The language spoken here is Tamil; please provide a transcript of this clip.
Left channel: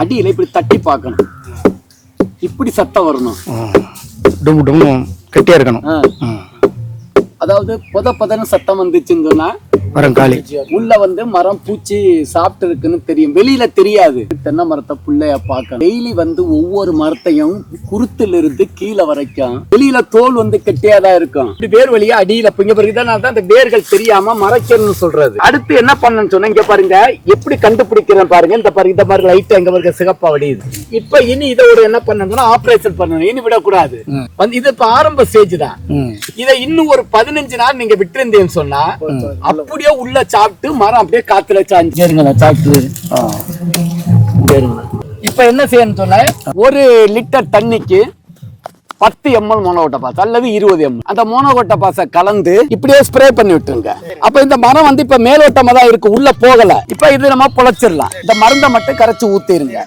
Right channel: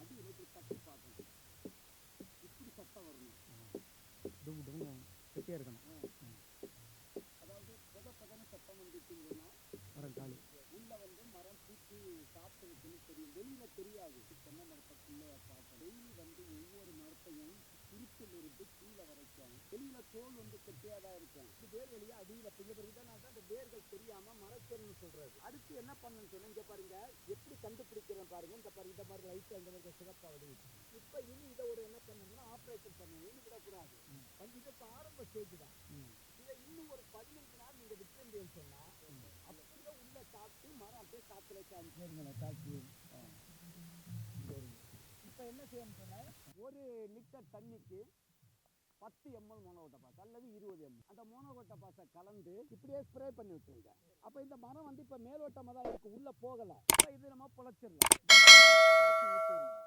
அடியில இப்படி தட்டி பார்க்கணும். இப்படி சத்தம் வரணும். டும் டும் கெட்டியாக இருக்கணும். அதாவது புத புதன்னு சத்தம் வந்துச்சுன்னு சொன்னா மரம் காலி உள்ள வந்து மரம் பூச்சி சாப்பிட்டு இருக்குன்னு தெரியும். வெளியில தெரியாது. தென்னை மரத்தை புள்ளைய பார்க்க. டெய்லி வந்து ஒவ்வொரு மரத்தையும் குருத்துல இருந்து கீழே வரைக்கும் வெளியில தோல் வந்து கெட்டியாதான் இருக்கும். இப்படி வேர் வழியா அடியில பிங்க பிறகு தான் அந்த வேர்கள் தெரியாம மறைக்கணும்னு சொல்றது. அடுத்து என்ன பண்ணணும்னு சொன்னா இங்க பாருங்க எப்படி கண்டுபிடிக்கிறேன் பாருங்க. இந்த பாருங்க இந்த மாதிரி லைட் எங்க பாருங்க சிகப்பா வடியுது. இப்ப இனி இதை ஒரு என்ன பண்ணணும்னா ஆபரேஷன் பண்ணணும். இனி விடக்கூடாது. இது இப்ப ஆரம்ப ஸ்டேஜ் தான். இதை இன்னும் ஒரு பதினஞ்சு நாள் நீங்க விட்டுருந்தீங்கன்னு சொன்னா அப்படியே உள்ள சாப்பிட்டு மரம் அப்படியே காத்துல சாஞ்சு சாப்பிட்டு இப்ப என்ன செய்யணும் சொன்ன ஒரு லிட்டர் தண்ணிக்கு பத்து எம்எல் மோனோகோட்டை பாஸ் அல்லது இருபது எம்எல் அந்த மோனோகோட்டை பாஸை கலந்து இப்படியே ஸ்ப்ரே பண்ணி விட்டுருங்க. அப்ப இந்த மரம் வந்து இப்ப மேலோட்டமா தான் இருக்கு உள்ள போகல. இப்ப இது நம்ம பொழைச்சிடலாம். இந்த மருந்தை மட்டும் கரைச்சு ஊத்திருங்க.